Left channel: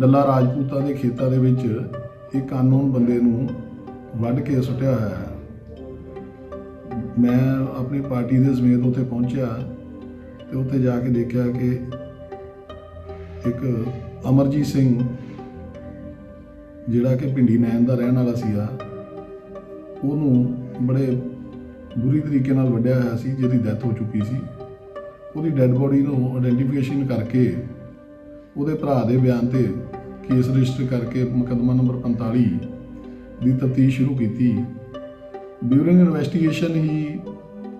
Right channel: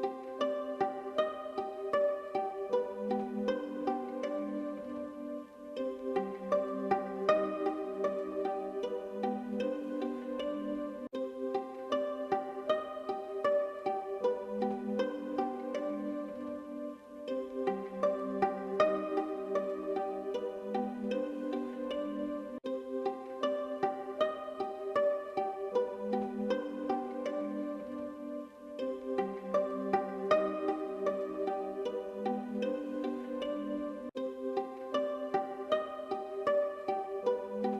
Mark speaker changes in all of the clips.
Speaker 1: ਦੱਲਾ ਰਾਜਪੂਤਾਂ ਦੇ ਖੇਤਾਂ ਦੇ ਵਿੱਚ ਇੱਕ ਕਾਨੂੰਨ ਬੰਦੇ ਨੂੰ ਵੱਢ ਕੇ ਸੁੱਟਿਆ ਹੋਇਆ ਹੈ ਮੈਂ ਆਪਣੀ ਪਾਰਟੀ ਦੇ ਸਮੇਤ ਉੱਤੇ ਪਹੁੰਚਿਆ ਤੇ ਉੱਥੇ ਜਾ ਕੇ ਦੇਖਿਆ ਕਿ ਇੱਕ ਅਮਰਜੀਤ ਸਿੰਘ ਜਿਹੜਾ ਕਿ ਭਿੰਡੀ ਨੈਣ ਦਾ ਰਹਿਣ ਵਾਲਾ ਸੀਗਾ ਉਹਨੂੰ ਬੜੇ ਬੁਰੀ ਤਰੀਕੇ ਨਾਲ ਵੱਢਿਆ ਹੋਇਆ ਸੀ ਜਿਹਦੀ ਡੈਥ ਹੋ ਚੁੱਕੀ ਸੀ ਉਹਦੀ ਡੈਡ ਬੋਡੀ ਨੂੰ ਆਇਡੈਂਟੀਫਿਕੇਸ਼ਨ ਕਰਕੇ ਉਹਦੇ ਭਰਾ ਦੇ ਬਿਆਨ ਤੇ ਕੇਸ ਰਜਿਸਟਰ ਕਰਕੇ ਮੁਕਦਮਾ ਨੰਬਰ 45 ਦੀ ਤਫਤੀਸ਼ ਸ਼ੁਰੂ ਕੀਤੀ ਡਿਊਰਿੰਗ ਇਨਵੈਸਟੀਗੇਸ਼ਨ ਹੀ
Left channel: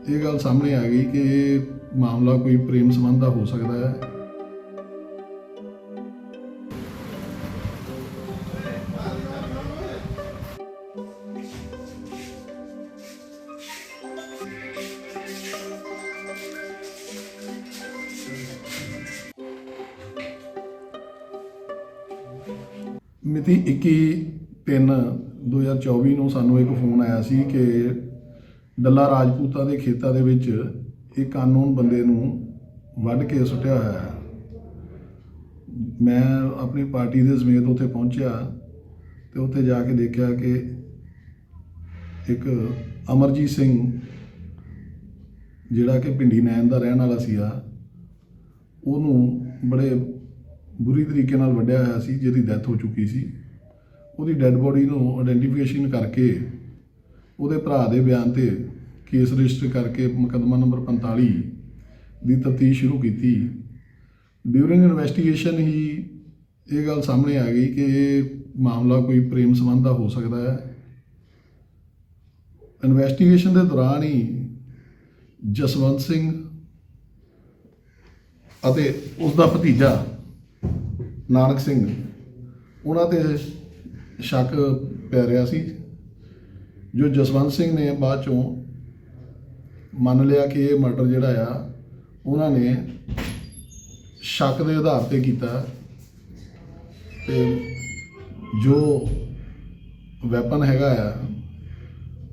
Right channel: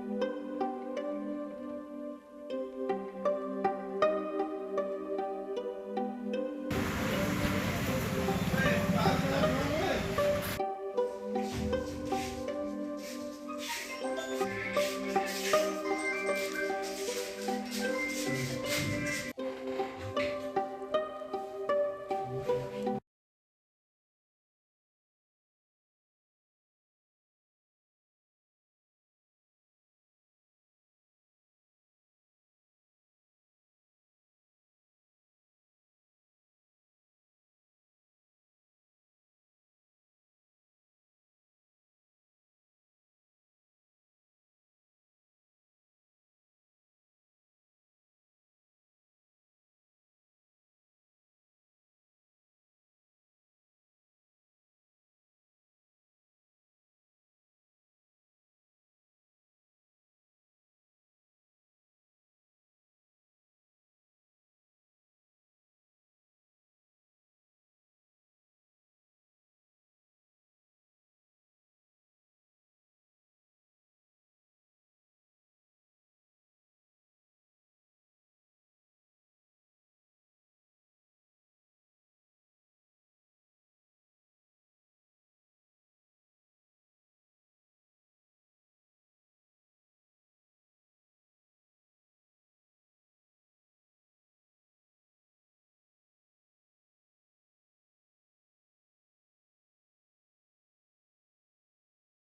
Speaker 1: ਇਹ ਗੱਲ ਸਾਹਮਣੇ ਆ ਗਈ ਕਿ ਇਹ ਮਾਮਲਾ ਕੋਈ ਪ੍ਰੇਮ ਸੰਬੰਧ ਦਾ ਹੋ ਸਕਦਾ ਹੈ ਮਿਤੀ 21 2024 ਨੂੰ ਸਾਨੂੰ ਇੱਕ ਫੋਨ ਆਇਆ ਸੀ ਕਿ ਦੱਲਾ ਰਾਜਪੂਤਾਂ ਦੇ ਖੇਤਾਂ ਦੇ ਵਿੱਚ ਇੱਕ ਕਾਨੂੰਨ ਬੰਦੇ ਨੂੰ ਵੱਢ ਕੇ ਸੁੱਟਿਆ ਹੋਇਆ ਹੈ ਮੈਂ ਆਪਣੀ ਪਾਰਟੀ ਦੇ ਸਮੇਤ ਉੱਥੇ ਪਹੁੰਚਿਆ ਤੇ ਉੱਥੇ ਜਾ ਕੇ ਦੇਖਿਆ ਕਿ ਇੱਕ ਅਮਰਜੀਤ ਸਿੰਘ ਜਿਹੜਾ ਕਿ ਪਿੰਡੀ ਨੈਣ ਦਾ ਰਹਿਣ ਵਾਲਾ ਸੀਗਾ ਉਹਨੂੰ ਬੜੇ ਬੁਰੀ ਤਰੀਕੇ ਨਾਲ ਵੱਢਿਆ ਹੋਇਆ ਸੀ ਜਿਹਦੀ ਡੈਥ ਹੋ ਚੁੱਕੀ ਸੀ ਉਹਦੀ ਡੈੱਡ ਬੋਡੀ ਨੂੰ ਆਇਡੈਂਟੀਫਿਕੇਸ਼ਨ ਕਰਕੇ ਉਹਦੇ ਭਰਾ ਦੇ ਬਿਆਨ ਤੇ ਕੇਸ ਰਜਿਸਟਰ ਕਰਕੇ ਮੁਕਦਮਾ ਨੰਬਰ 45 ਦੀ ਤਫਤੀਸ਼ ਸ਼ੁਰੂ ਕੀਤੀ ਡਿਊਰਿੰਗ ਇਨਵੈਸਟੀਗੇਸ਼ਨ ਹੀ ਇਹ ਗੱਲ ਸਾਹਮਣੇ ਆ ਗਈ ਕਿ ਇਹ ਮਾਮਲਾ ਕੋਈ ਪ੍ਰੇਮ ਸੰਬੰਧ ਦਾ ਹੋ ਸਕਦਾ ਹੈ ਇਨਵੈਸਟੀਗੇਸ਼ਨ ਦੇ ਦੌਰਾਨ ਹੀ ਜਸਵੰਤ ਸਿੰਘ ਅਤੇ ਉਸ ਦਾ ਭਤੀਜਾ ਨਾਨਕ ਸਿੰਘ ਉਹਨਾਂ ਤੇ ਸ਼ੱਕ ਪੈ ਰਿਹਾ ਸੀ ਜੋ ਜਸਵੰਤ ਸਿੰਘ ਨੇ ਬਾਅਦ ਚੋਂ ਮੰਨ ਲਿਆ ਕਿ ਇਹ ਮਰਡਰ ਜਿਹੜਾ ਆ ਉਹਨਾਂ ਨੇ ਸ਼ੱਕ ਦੇ ਆਧਾਰ ਤੇ ਕੀਤਾ ਤੇ ਜੋ ਵੈਪਨ ਹੈਗਾ ਆ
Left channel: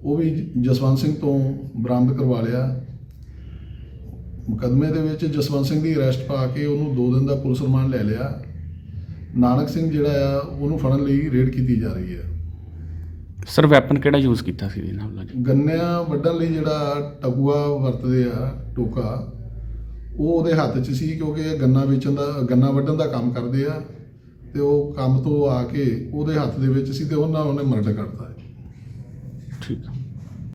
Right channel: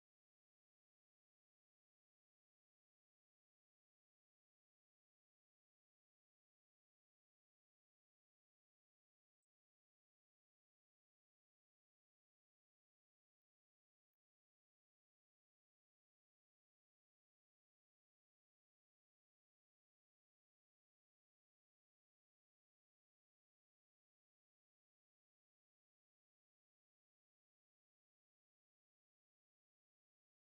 Speaker 1: ਉਹ ਵੀ ਜਸਵੰਤ ਸਿੰਘ ਤੋਂ ਬਰਾਮਦ ਕਰਵਾ ਲਿਆ ਮੁਕਦਮੇ ਦੇ ਵਿੱਚ ਜਸਵੰਤ ਸਿੰਘ ਦੀ ਅਰੈਸਟ ਪਾ ਕੇ ਉਹਨੂੰ 2 ਦਿਨ ਦਾ ਪੁਲਿਸ ਰਿਮਾਂਡ ਲੈ ਲਿਆ ਨਾਨਕ ਸਿੰਘ ਜਿਹੜਾ ਆ ਉਹਨੂੰ ਫੜਨ ਲਈ ਰੇਡ ਕੀਤੀ ਜਾ ਰਹੀ ਹੈ
Speaker 2: ਸਰ ਵੈਪਨ ਕਿਹੜਾ ਯੂਜ਼ ਕੀਤਾ ਸੀ ਇਹਨਾਂ ਵੱਲੋਂ
Speaker 1: ਗੰਨਿਆਂ ਵੱਢਣ ਲਈ ਜਿਹੜਾ ਟਗੂਆ ਵਰਤਦੇ ਆ ਟੋਕਾ ਉਹ ਉਹਦੇ ਹੱਥ 'ਚ ਸੀ ਕਿਉਂਕਿ ਇਹ ਗੰਨਾ ਵੇਚਣ ਦਾ ਗੰਨਾ ਵੱਢਣ ਦਾ ਕੰਮ ਕਰਦੇ ਆ ਤੇ ਉਹ ਕੰਮ ਤੋਂ ਆ ਕੇ ਉਹਦੇ ਹੱਥ ਦੇ ਵਿੱਚ ਸੀ ਤੇ ਉਹਨਾਂ ਉਹਨੇ ਮਰਡਰ ਕਰਤਾ ਠੀਕ ਹੈ